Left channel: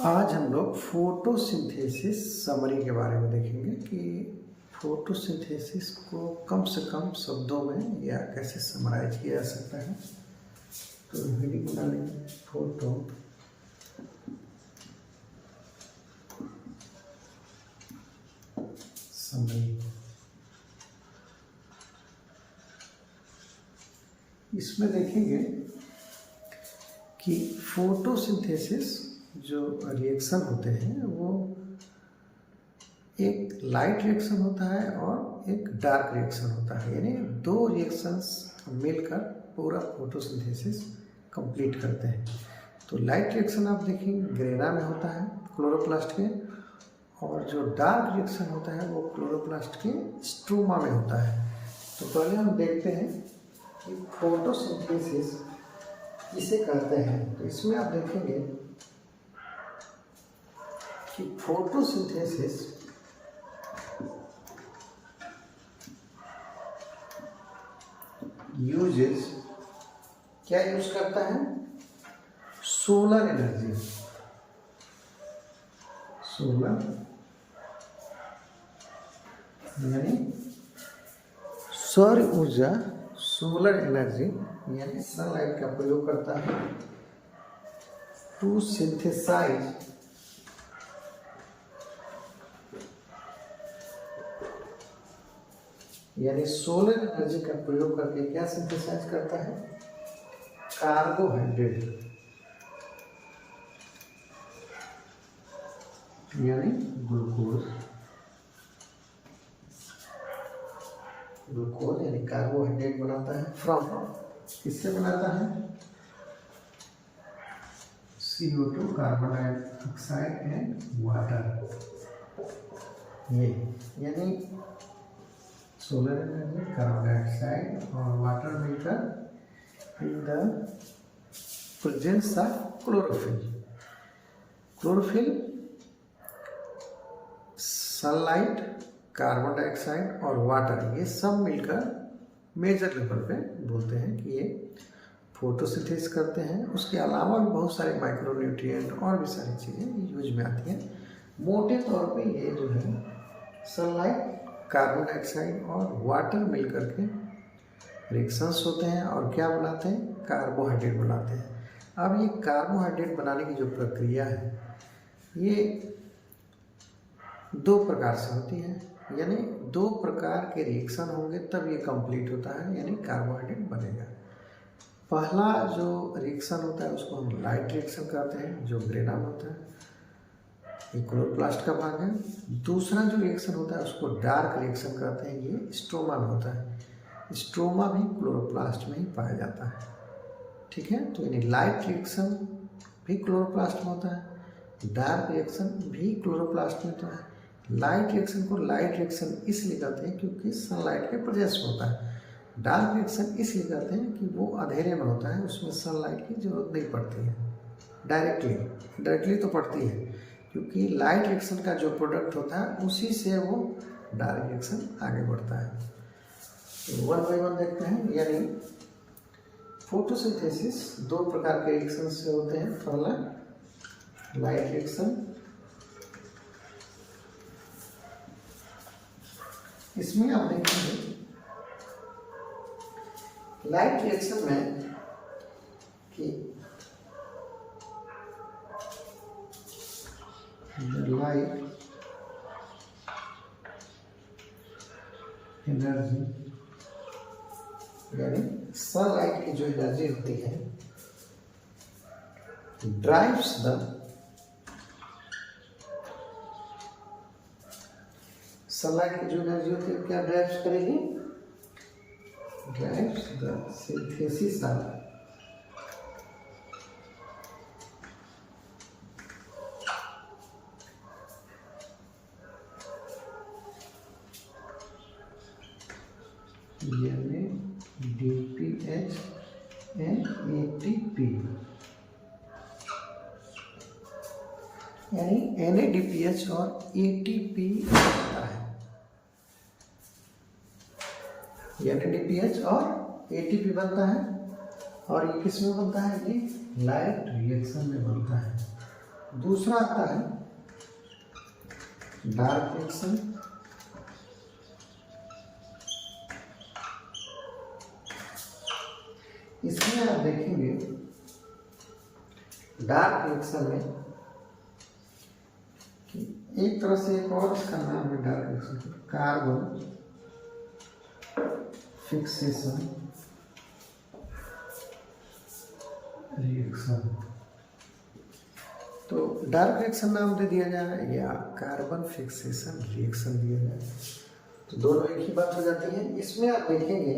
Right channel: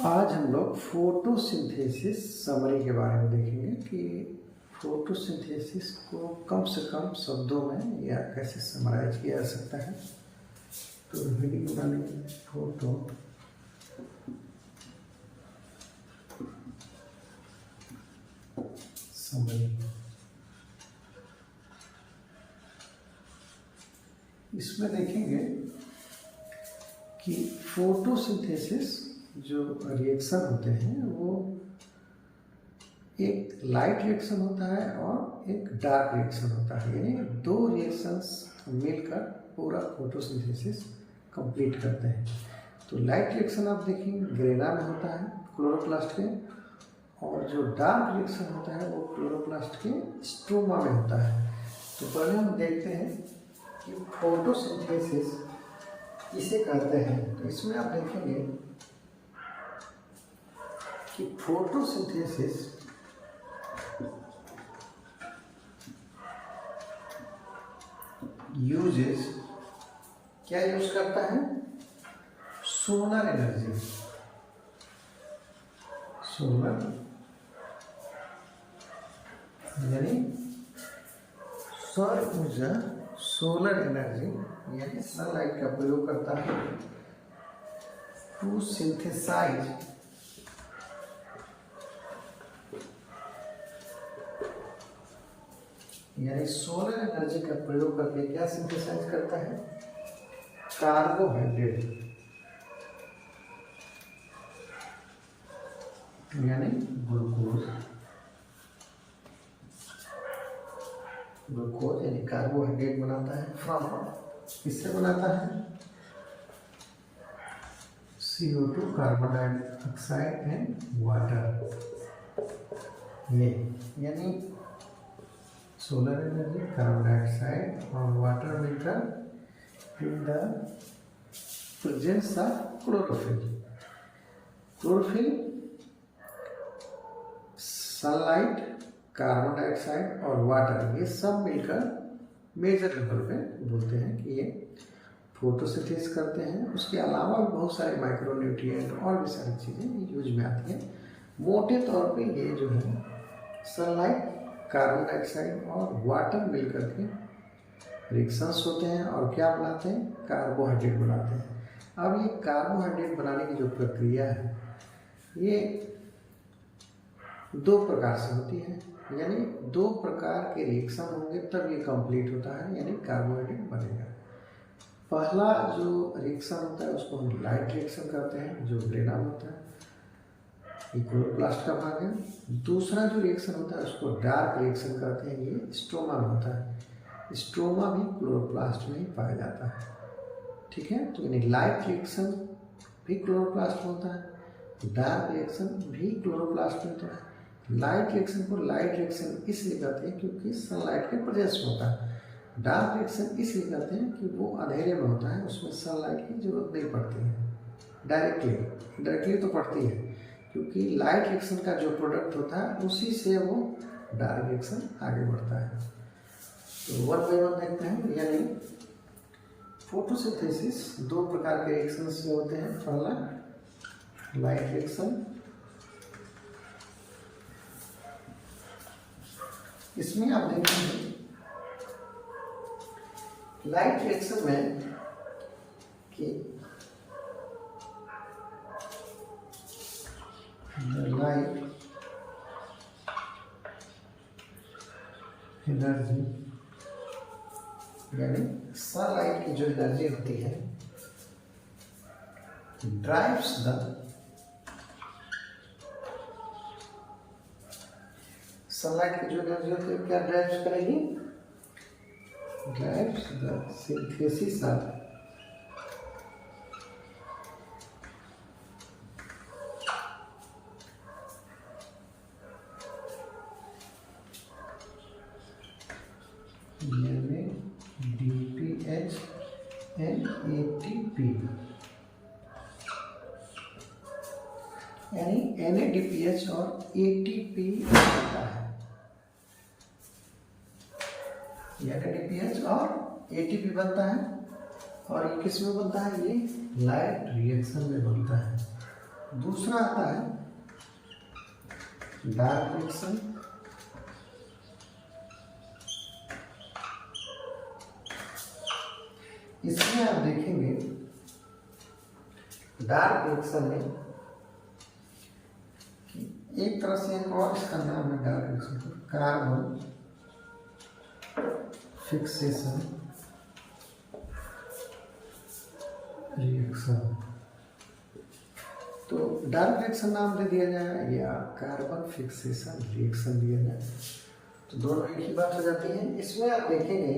आज हम लोग फोटोसिंथेसिस समरी के बारे में देखेंगे कि फोटोसिंथेसिस को कम से कम शब्दों में या कैसे समराइज किया जा सकता है। तो हेडिंग बनाने फोटो समरी, इसमें देखेंगे कि फोटोसिंथेसिस जो रिएक्शन होते हैं वो एक लाइट रिएक्शन होता है और एक डार्क रिएक्शन होता है, यानी दो रिएक्शंस मिलकर पूरा फोटोसिंथेसिस कंप्लीट करते हैं। तो लाइट रिएक्शन आप देखेंगे ग्रेना में होता है क्लोरोप्लास्ट के, और जो डार्क रिएक्शन होता है वो क्लोरोप्लास्ट के स्ट्रोमा में होता है। तो पहले हम देखते हैं कि फोटोसिंथेसिस किसे कहते हैं। तो इसमें आप देखेंगे कि फोटोसिंथेसिस यूजेस क्या यूज करता है? सोलर एनर्जी, सोलर यानी सौर ऊर्जा, सोलर एनर्जी यानी सनलाइट का प्रयोग करता है टू सिंथेसाइज यानी सोलर एनर्जी का प्रयोग करके क्या सिंथेसाइज करता है? कार्बोहाइड्रेट यानी ग्लूकोज, ग्लूकोज यानी कार्बोहाइड्रेट बनाता है फ्रॉम, किससे बनाता है? CO2 carbon dioxide and water. ये यानी सोलर एनर्जी, कार्बन डाइऑक्साइड और वाटर मिलकर in the presence of chlorophyll. Chlorophyll sunlight, carbon dioxide और वाटर ये सब मिलकर मेजर लेवल पे बोलते हैं कि ये फोटोसिंथेसिस करते हैं। उसके अलावा भी बहुत सारे माइक्रोन्यूट्रिएंट और भी सारी चीज़ें यूज में आती हैं। मोटे तौर पे ये जो है सनलाइट, कार्बन डाइऑक्साइड और वाटर मिलकर के रिएक्शंस होते हैं और क्या बनाते हैं? कार्बोहाइड्रेट बनाते हैं। अब ये कार्बोहाइड्रेट बनाने की जो प्रक्रिया है ये दो प्रकार से होती है, यानी दो प्रकार के रिएक्शन होंगे तब ये कंप्लीट होता है, यानी कार्बोहाइड्रेट बनेगा। पहला जो रिएक्शन होता है उसको हम लाइट रिएक्शन कहते हैं, जो ग्रेना में होता है, ये क्लोरोप्लास्ट का भाग है। दूसरा जो रिएक्शन होता है उसको डार्क रिएक्शन कहते हैं, ये स्ट्रोमा में होता है। स्ट्रोमा भी क्लोरोप्लास्ट में ही पाया जाता है, ठीक है। तो यानी लाइट रिएक्शन भी क्लोरोप्लास्ट में होता है, डार्क रिएक्शन भी क्लोरोप्लास्ट में होता है। लाइट रिएक्शन को लाइट रिएक्शन इसलिए कहते हैं क्योंकि सनलाइट के प्रेजेंस में होता है। डार्क रिएक्शन इसलिए कहते हैं कि वो अंधेरे में होता है, उसमें सनलाइट की जरूरत नहीं पड़ती है। डायरेक्टली तो पड़ती है क्योंकि लाइट रिएक्शन का जो प्रोडक्ट होता है उसी से वो डार्क रिएक्शन आगे बढ़ता है। तो वन बाय वन देखते हैं। यानी फोटोसिंथेसिस दो प्रकार के रिएक्शन से होते हैं। पहला लाइट रिएक्शन, इसमें आप देखेंगे लाइट रिएक्शन में कि लाइट एनर्जी यानी सनलाइट की जो एनर्जी होती है ड्राइव्स द सनलाइट की जो एनर्जी होती है क्या ड्राइव्स करेगी? Drives the synthesis of DPH and ATP, यानी NADPH और ATP बनता है। NADPH और ATP बनता है और ये किस में बनता है? ये लाइट रिएक्शन में बनता है। दूसरा आता है डार्क रिएक्शन। इसमें आप देखेंगे डार्क रिएक्शन में एक तरह से एक और इसका नाम है dark reaction, carbon fixation reaction. तो डार्क रिएक्शन नाम दे दिया जाए या कार्बन फिक्सेशन रिएक्शन दिया जाए तो दोनों एक ही बात हो जाती है। इसमें आप देखेंगे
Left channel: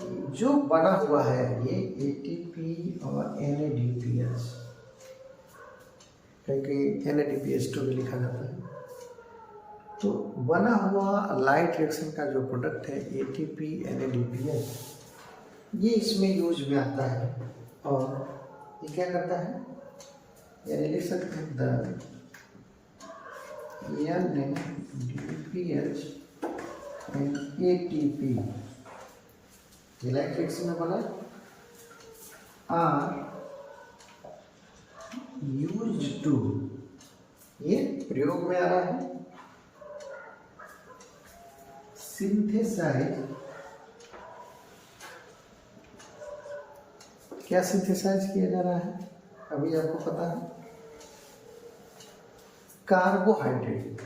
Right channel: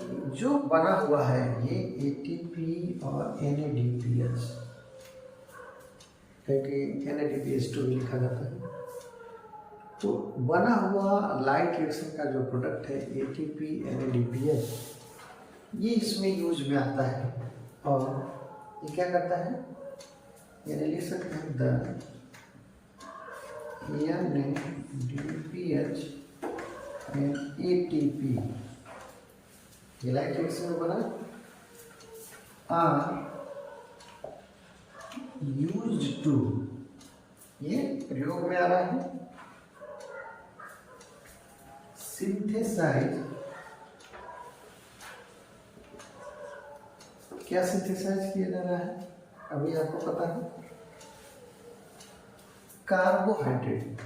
कि जो बना हुआ है ये ATP और NADPH, कहीं NADPH2 भी लिखा जाता है। तो बना हुआ लाइट रिएक्शन का जो प्रोडक्ट है ATP NADPH, ये इसमें यूज में आता है। और ये क्या करता है, यानी लिख सकते हैं द NADPH एंड ATP, ये लाइट रिएक्शन में बना आर यूज्ड टू, ये प्रयोग में आ रहा है सिंथेसाइज। क्या सिंथेसाइज किया जा रहा है अभी आपको पता है, कार्बोहाइड्रेट।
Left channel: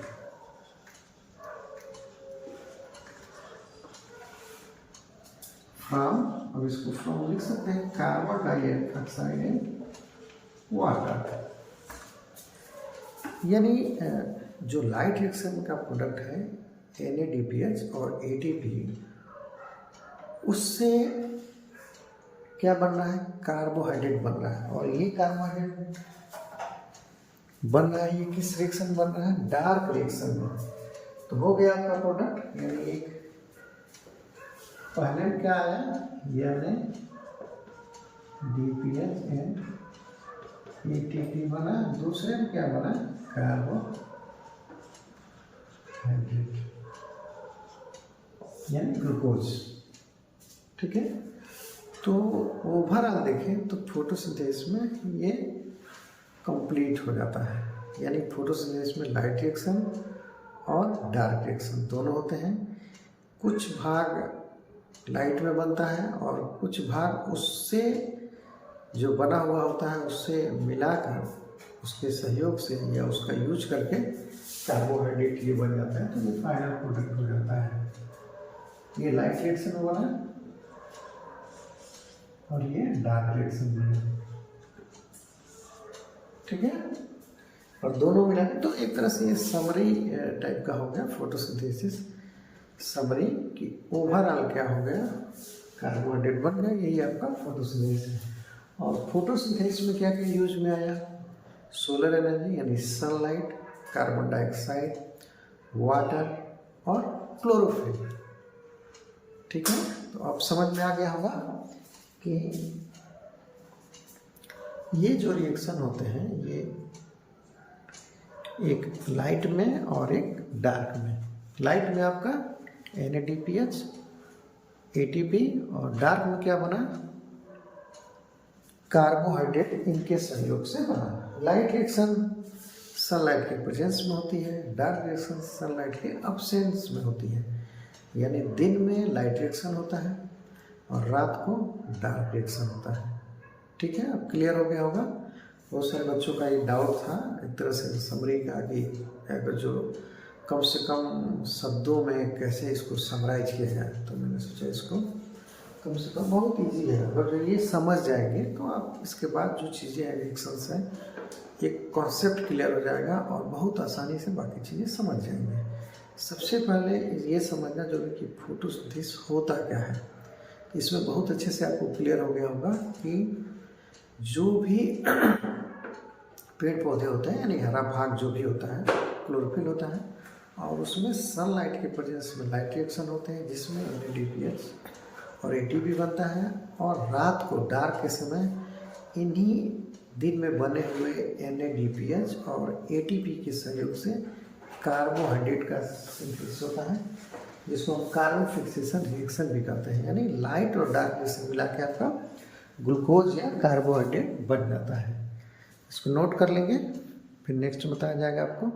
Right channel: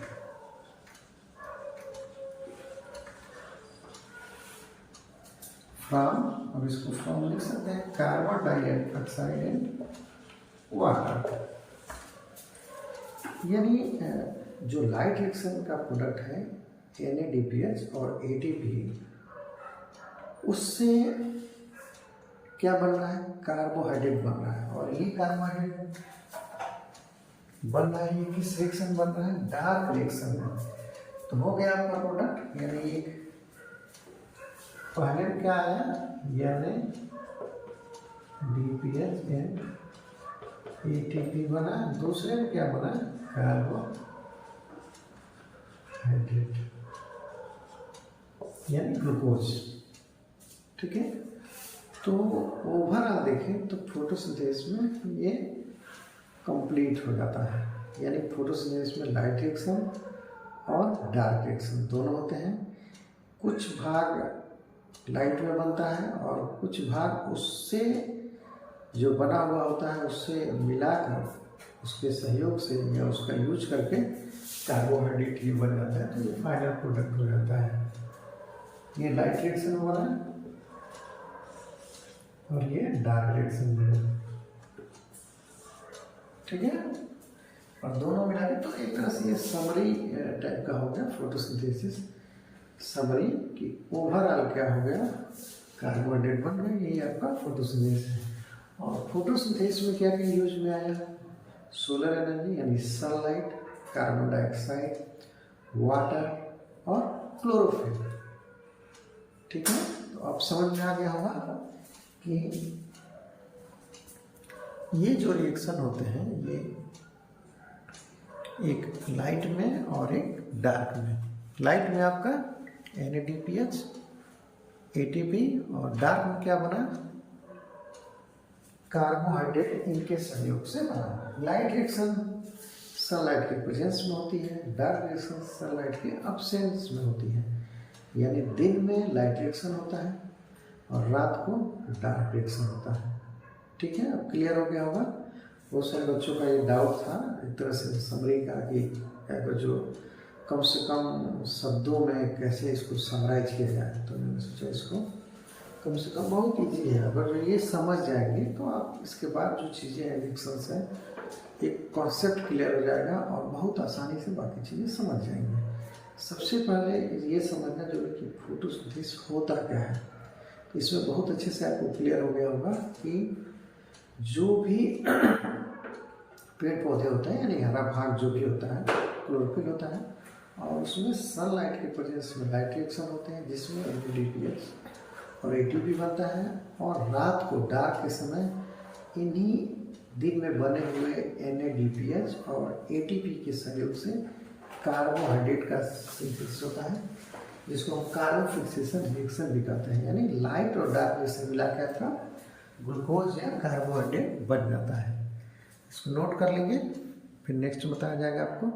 फ्रॉम, अब इसको फ्रॉम लिख सकते हैं कार्बन डाइऑक्साइड एंड वाटर। यानी जो लाइट रिएक्शन का प्रोडक्ट है NADPH और ATP, उससे क्या बन रहा है, कार्बोहाइड्रेट बन रहा है। और ये कार्बोहाइड्रेट बन रहा है, ये किस रिएक्शन बन रहा है, डार्क रिएक्शन में। तो हो गया आपका प्रोडक्ट, यानी एक पहले में क्या आया NADPH एंड ATP बना, दूसरे में क्या बना, कार्बोहाइड्रेट यानी ग्लूकोज। ठीक है, तो ओवरऑल देखें तो फोटोसिंथेसिस में ये कंप्लीट हो जाता है। यानी फोटोसिंथेसिस में लाइट रिएक्शन और डार्क रिएक्शन दोनों होते हैं। कुछ भाग लाइट में बनता है और कुछ भाग उससे जो बना हुआ होता है उससे मिलाकर उसके सहयोग से या उसका यूज करके कार्बोहाइड्रेट ये बन जाता है। तो ये फाइनल प्रोडक्ट हो जाता है। ये लाइट रिएक्शन में बना और ये डार्क रिएक्शन में बना। ठीक है, और दोनों मिला के तो एक तरह से समरी टाइप का हो गया फोटोसिंथेसिस। समरी कि ओवरऑल क्या हो गया, कार्बोहाइड्रेट बन गया, यही आपका फोटोसिंथेसिस है। और फोटोसिंथेसिस में क्या क्या यूज में आया, सोलर एनर्जी यानी सनलाइट, कार्बन डाइऑक्साइड, वाटर और क्लोरोफिल। ठीक है, तो आप समझ में आ गया होगा कि ये जो रिएक्शन होते हैं ये एक लाइट में और एक डार्क में। लाइट में आपका NADPH ATP और डार्क में क्या बना, कार्बोहाइड्रेट, इनके सहयोग से बना। लाइट रिएक्शन सनलाइट के प्रेजेंस में होती है, डार्क रिएक्शन सनलाइट के अब्सेंस में होती है। यानी दिन में लाइट रिएक्शन होता है और रात को डार्क रिएक्शन होता है। ठीक है, अब क्लियर हो गया होगा। बहुत सारे बच्चों का ये डाउट था एक तरह से समरी का कि अगर जो कम से कम शब्दों में कैसे इसको समराइज किया जाए, तो मैंने सोचा इसको कम से कम बहुत ईजी है। अगर ये समझ जाएंगे तो आप इसके बाद जो चीज़ें हैं रिएक्शंस हैं एक कॉन्सेप्ट क्लियर हो जाएगा और बहुत आसानी से बाकी चीज़ें समझ जाएंगे। सबसे पहले ये समझना जरूरी कि फोटोसिंथेसिस होता क्या है। इसमें बहुत अच्छे से आपको क्लियर हो गया होगा कि जो भी पेड़ पौधे होते हैं यानी हरा भाग जो भी होता है क्लोरोफिल होता है और उसमें सनलाइट के प्रेजेंस में लाइट रिएक्शन होते हैं जिसमें NADPH और ATP बनता है। और रात को डार्क के समय इन्हीं दिन में बने हुए NADPH और ATP के सहयोग से कार्बोहाइड्रेट का सिंथेसिस होता है जिसको हम कार्बन फिक्सेशन रिएक्शन भी कहते हैं। यानी लाइट और डार्क से मिला के आपका ग्लूकोज या कार्बोहाइड्रेट बन जाता है। इसको नोट कर लेंगे, फिर नेक्स्ट बताया जाएगा आपको।